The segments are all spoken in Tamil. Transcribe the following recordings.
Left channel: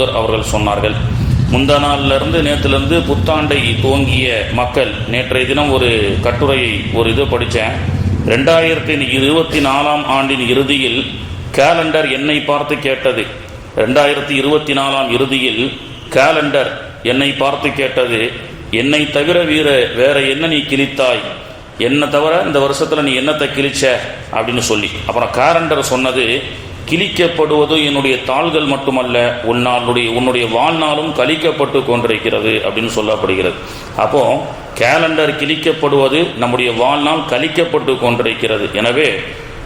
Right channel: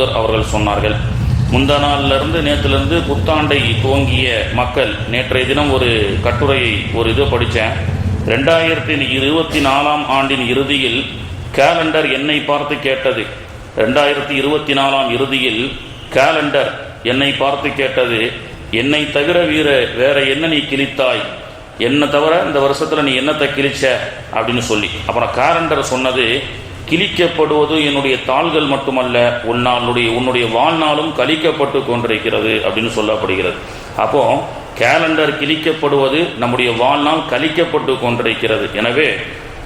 தூதர் அவர்கள் சொன்னார்கள். முந்தா நாளிலிருந்து நேற்றிலிருந்து புத்தாண்டை துவங்கிய மக்கள் நேற்றைய தினம் ஒரு கட்டுரையை இது படித்தேன். 2024 ஆண்டின் இறுதியில் கேலண்டர் என்னை பார்த்து கேட்டது. 2024 இறுதியில் கேலண்டர் என்னை பார்த்து கேட்டது, என்னை தவிர வேற என்ன நீ கிழித்தாய், என்ன தவிர இந்த வருஷத்துல நீ என்னத்தை கிழிச்ச அப்படின்னு சொல்லி. அப்புறம் கேலண்டர் சொன்னது, கிழிக்கப்படுவது என்னுடைய தாள்கள் மட்டுமல்ல, உன்னுடைய வாழ்நாளும் கழிக்கப்பட்டு கொண்டிருக்கிறது அப்படின்னு சொல்லப்படுகிறது. அப்போ கேலண்டர் கிழிக்கப்படுவது நம்முடைய வாழ்நாள் கழிக்கப்பட்டு கொண்டிருக்கிறது. எனவே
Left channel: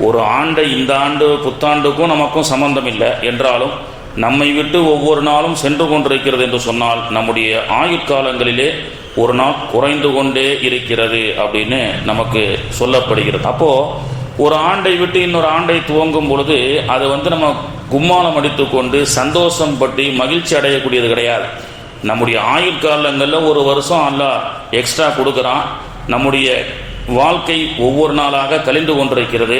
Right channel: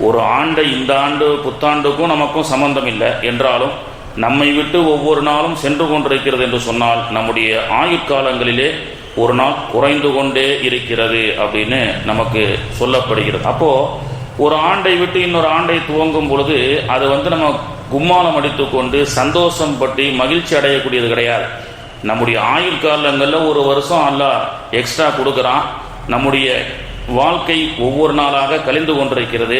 ஒரு ஆண்டை இந்த ஆண்டு புத்தாண்டுக்கும் நமக்கும் சம்பந்தம் இல்லை என்றாலும் நம்மை விட்டு ஒவ்வொரு நாளும் சென்று கொண்டிருக்கிறது என்று சொன்னால் நம்முடைய ஆயுட்காலங்களிலே ஒரு நாள் குறைந்து கொண்டே இருக்கிறது அப்படின்னு நமக்கு சொல்லப்படுகிறது. அப்போ ஒரு ஆண்டை விட்டு இன்னொரு ஆண்டை துவங்கும் பொழுது அது நம்ம கும்மாளம் அடித்து கொண்டு சந்தோஷம் பற்றி மகிழ்ச்சி அடையக்கூடியது கிடையாது. நம்முடைய ஆயுட்காலங்களில் ஒரு வருஷம் அல்லாஹ் எக்ஸ்ட்ரா கொடுக்குறான். நம்முடைய வாழ்க்கை ஒவ்வொரு நாளாக கழிந்து கொண்டிருக்கிறது.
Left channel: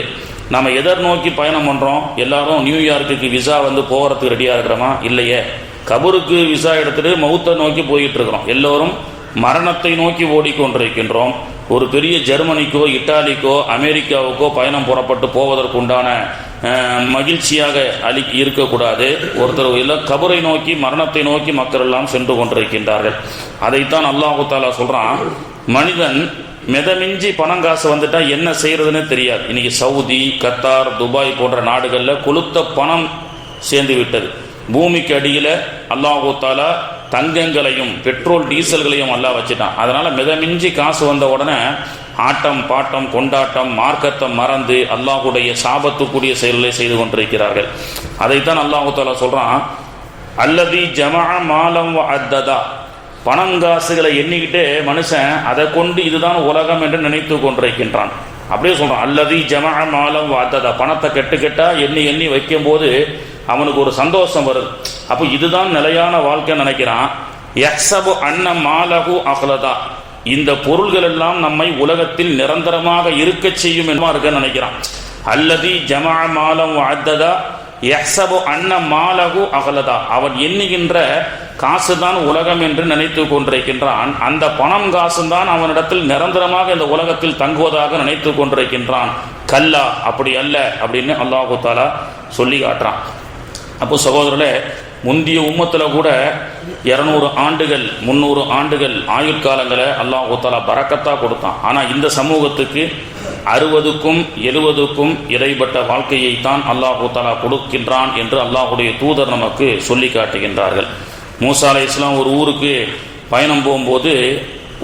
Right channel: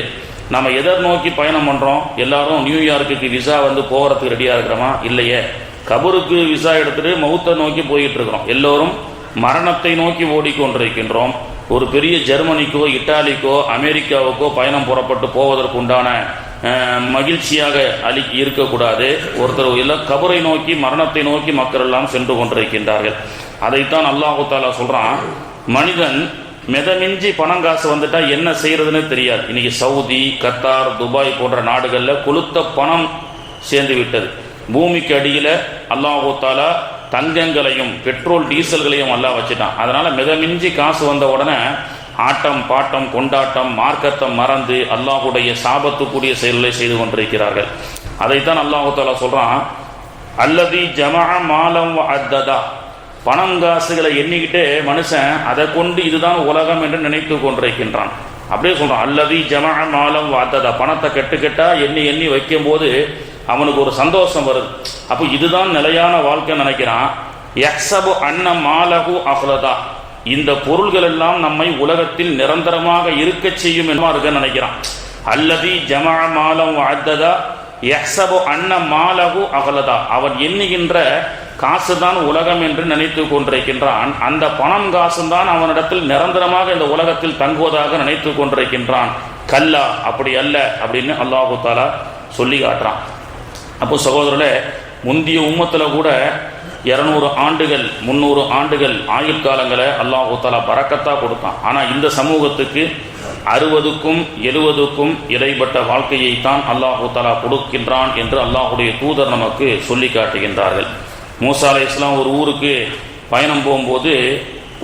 நம்ம எதை நோக்கி பயணம் பண்ணுறோம்? எல்லாரும் நியூயார்க்குக்கு விசா போகிறதுக்கு ரெடியாக இருக்கிறோமா? இல்லையே. கபருக்கு விசா எடுத்துட்டு மௌத்தை நோக்கி போயிட்டு இருக்கிறோம். எல்லோரும் மரணத்தை நோக்கி ஓடிக்கொண்டிருக்கின்றோம். ஒரு பெரிய ஜெர்மனிக்கோ இட்டாலிக்கோ அமெரிக்காவுக்கோ பயணம் புறப்பட்டு போவதற்கு உண்டான மகிழ்ச்சியாக இருக்கக்கூடாது. ஒருத்தர் இல்லை, கபரை நோக்கி மரணத்தை நோக்கி மக்கள் எல்லாம் சென்று கொண்டிருக்கின்றார்கள். அதைத்தான் அல்லாஹு தாலா சொல்றான், மனிதன் மிதமிஞ்சி பணம் காசு வந்துட்டா என்ன செய்யறதுன்னு தெரியாது. இன்னைக்கு சவுதி, கத்தார், துபாய் போன்ற நாடுகளில் கொளுத்த பணம் சேர்ந்து விட்டது. பூமிக்கு அடியில் அல்லாஹு தாலா தங்கங்களையும் பெட்ரோல் டீசல்களையும் எல்லாம் வச்சுட்டான். அதனால மிதமிஞ்சி காசு வந்த உடனே ஆட்டம் பாட்டம் கொண்டாட்டம் மார்க்கத்தை மறந்து அல்லாஹுடைய சாபத்துக்குரிய செயல்களை செய்து கொண்டிருக்கிறார்கள். அதைத்தான் அல்லாஹு தாலா சொல்றான், அல்லதி ஜமா மாலம் அத்ததா, பணம் காசுகளை எண்ணிக்கிட்டே மனுஷன் அதை கொண்டு இதுதான் உலகம் என்று நினைத்து கொண்டிருக்கின்றான். அப்படியே சொல்றான், அல்லதி ஜமா மாலம் அத்ததா, பணத்தை கெட்டா எண்ணி எண்ணி வைக்கும் போது அவனுக்கு ஒரு சந்தோஷம் வருது. அப்போ இதுதான் நிலையான வாழ்க்கை நினைக்கிறான். யக்ஸபு அன்ன மாலகு அஃலதா, இந்த பொருள்கள் எல்லாம் நம்மை உலகத்தில் நிரந்தரமாக இருக்க செய்யும் என்று நினைக்கிறான். அல்லதி ஜமா மாலம் அத்ததா யக்ஸபு அன்ன மாலகு அஃலதா, அவன் எண்ணுகின்ற காசுதான் உலகம் என்று நினைத்து கொண்டிருக்கின்றான். அந்த பணம் காசுதான் அவனிடத்தில் நிரந்தரமாக இந்த உலகத்தில் தங்குவதாக நினைத்து கொண்டிருக்கின்றான். கல்லா, அப்படி அல்ல அப்படின்னு அல்லாஹு தாலா சொல்லி காட்டுறான். அப்போ சகோதரர்களே, முந்திய உம்மத்தில் கூட 200 ஆண்டுகள் 300 ஆண்டுகள் ஆயுட்காலங்களை அல்லாஹு தாலா பரக்கத்தா கொடுத்தான். ஆனால் இந்த சமூகத்துக்கு 60க்கும் 70க்கும் இடைப்பட்ட வாழ்க்கையைத்தான் அல்லாஹு தாலா கொடுக்கின்றான் என்று அல்லாஹுடைய தூதர் நமக்கு சொல்லி காட்டுகின்றார்கள். மூசா அலைஹிஸ்ஸலாம் ஒரு ஊருக்கு பயணம் போகும்போது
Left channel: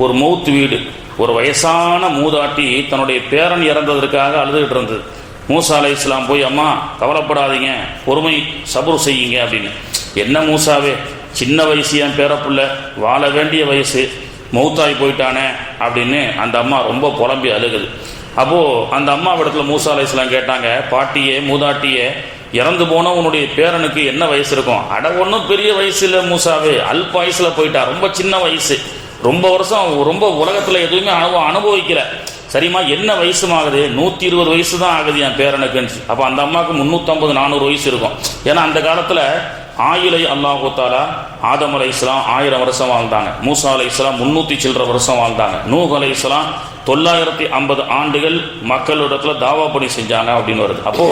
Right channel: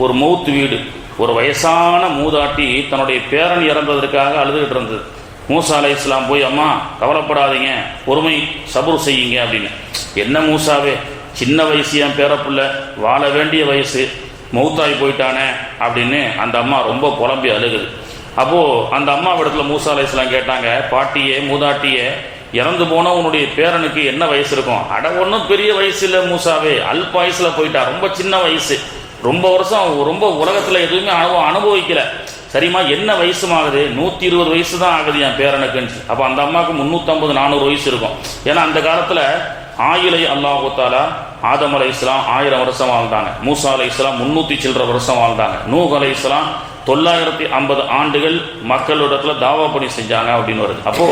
ஒரு மௌத்து வீடு, ஒரு வயசான மூதாட்டி தன்னுடைய பேரன் இறந்ததற்காக அழுதுகிட்டு இருந்தது. மூசா அலைஹிஸ்ஸலாம் போய், அம்மா கவலைப்படாதீங்க, பொறுமை சபுர் செய்யுங்க அப்படின்னு. என்ன மூசாவே, சின்ன வயசு, என் பேரப்புள்ள வாழ வேண்டிய வயசு, மௌத்தாய் போயிட்டானே அப்படின்னு அந்த அம்மா ரொம்ப புலம்பி அழுகுது. அப்போது அந்த அம்மாவிடத்துல மூசா அலைஹிஸ்ஸலாம் கேட்டாங்க, பாட்டியே மூதாட்டியே, இறந்து போனால் உன்னுடைய பேரனுக்கு என்ன வயசு இருக்கும்? அட ஒன்றும் பெரிய வயசு இல்லை மூசாவே, அல்ப வயசில் போயிட்டா, ரொம்ப சின்ன வயசு, ரொம்ப வருஷம் ரொம்ப உலகத்தில் எதுவுமே அனுபவிக்கல. சரிம்மா என்ன வயசுமாகுது? 120 வயசு தான் ஆகுது என் பேரனுக்குன்னு. அப்போ அந்த அம்மாவுக்கு 350-400 வயசு இருக்கும். ஏன்னா அந்த காலத்தில் ஆயிலை அல்லாஹு தாலா ஆதம் அலைஹிஸ்ஸலாம் 1000 வருஷம் வாழ்ந்தாங்க. மூசா அலைஹிஸ்ஸலாம் 300 சில்லற வருஷம் வாழ்ந்தாங்க. நூஹ் அலைஹிஸ்ஸலாம் 950 ஆண்டுகள் மக்களிடத்துல தாவா பணி செஞ்சாங்க அப்படின்னு வருது. அப்போ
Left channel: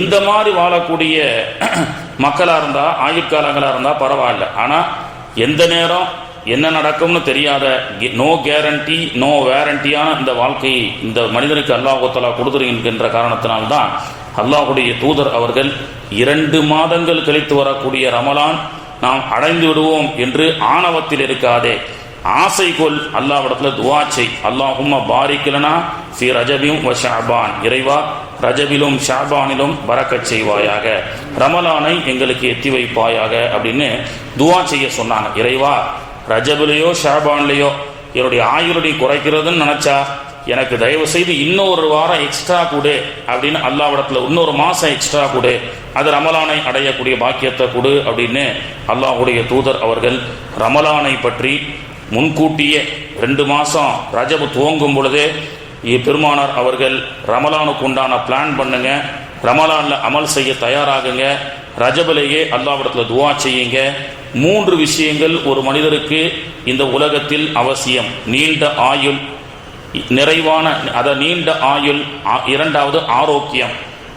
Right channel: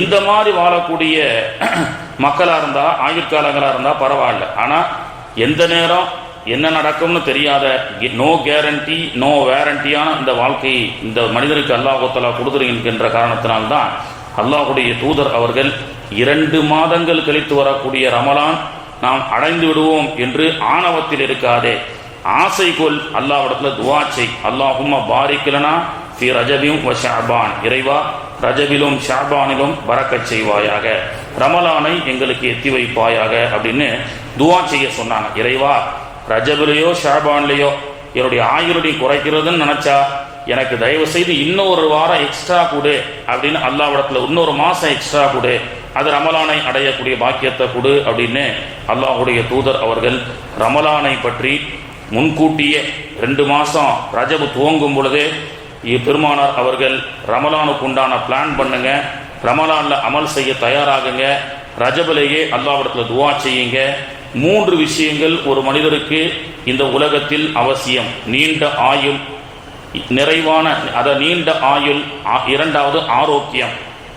இந்த மாதிரி வாழக்கூடிய மக்களா இருந்தா, ஆயுட்காலங்களா இருந்தா பரவாயில்ல. ஆனா எந்த நேரம் என்ன நடக்கும்னு தெரியாத, நோ கேரண்டி நோ வேரண்டியான இந்த வாழ்க்கையை இந்த மனிதனுக்கு அல்லாஹ் தஆலா கொடுத்திருக்கின்ற காரணத்தினால்தான் அல்லாஹ்வுடைய தூதர் அவர்கள் 2 மாதங்கள் கழித்து வரக்கூடிய ரமலான் நாம் அடைந்து விடுவோம் என்று ஆணவத்தில் இருக்காதே, ஆசை கொள், அல்லாஹ்விடத்தில் துஆ செய். அல்லாஹும்ம பாரிக் லனா ஃபீ ரஜபின் வ ஷஅபான், இறைவா ரஜபிலும் ஷஅபானிலும் பரக்கத் செய்வாயாக, ரமலானை எங்களுக்கு எத்தி வைப்பாயாக அப்படின்னு துஆ செய்ய சொன்னாங்க. இறைவா ரஜபிலையோ ஷஅபான்லையோ என்னுடைய ஆயுளை குறைக்கிறதுன்னு நினைச்சா எனக்கு தயவு செய்து இன்னொரு வாரம் எக்ஸ்ட்ரா கொடு அப்படின்னு அல்லாஹ்விடத்தில் இன்னொரு மாசம் எக்ஸ்ட்ரா கொடு, அது ரமலானை அடையக்கூடிய பாக்கியத்தை கொடு அப்படின்னு அல்லாஹ்வுடைய தூதர் அவர்கள் ரமலானை பற்றி முன்கூட்டியே 2 மாசம் ரஜபு துவங்கும் பொழுதே பெருமானார் அவர்கள் ரமலானுக்கு உண்டான பிளான் பண்ணுங்க, ரமலான்ல அமல் செய்ய தயாராகுங்க, ரஜபிலேயே அல்லாஹ்விடத்தில் துஆ செய்யுங்க. 3 விஷயங்கள் ஒரு மனிதருக்கு இந்த உலகத்தில் அவசியம்: நீண்ட ஆயுள், நிறைவான நீண்ட ஆயுள், இரண்டாவது ஆரோக்கியம்.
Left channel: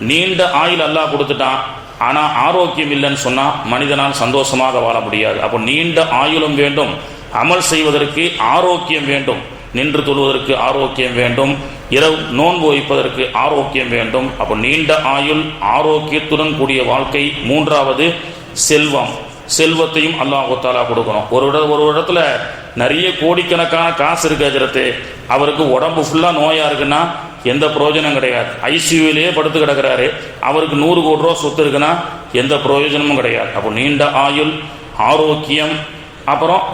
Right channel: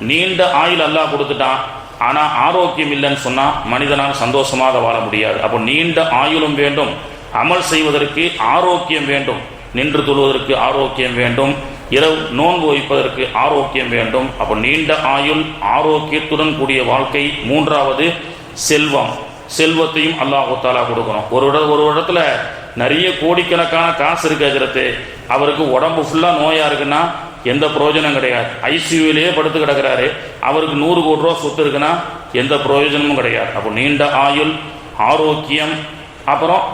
நீண்ட ஆயுள் அல்லாஹ் கொடுத்துட்டான், ஆனால் ஆரோக்கியம் இல்லைன்னு சொன்னால் மனிதனால் சந்தோஷமாக வாழ முடியாது. அப்போ நீண்ட ஆயுளும் வேண்டும், அமல் செய்வதற்கு ஆரோக்கியம் வேண்டும், நின்று தொழுவதற்கு ஆரோக்கியம் வேண்டும், இரவு நோன்பு வைப்பதற்கு ஆரோக்கியம் வேண்டும். அப்போ நீண்ட ஆயுள், ஆரோக்கியத்துடன் கூடிய வாழ்க்கை. 3வது செல்வம். செல்வத்தையும் அல்லாஹ் தஆலா கொடுக்கணும். ஒரு இடத்துல நிறைய கோடிக்கணக்கான காசு இருக்கிறது, அவருக்கு உடம்பு ஃபுல்லாக நோயாக இருக்குன்னா எந்த பிரயோஜனம் கிடையாது. ஐசியூவிலேயே படுத்து கிடக்கிறாரு, அவருக்கு 100 கோடி ரூபா சொத்து இருக்குன்னா எந்த பிரயோஜனமும் கிடையாது. அப்போ நீண்ட ஆயுள், ஆரோக்கியம், அப்புறம்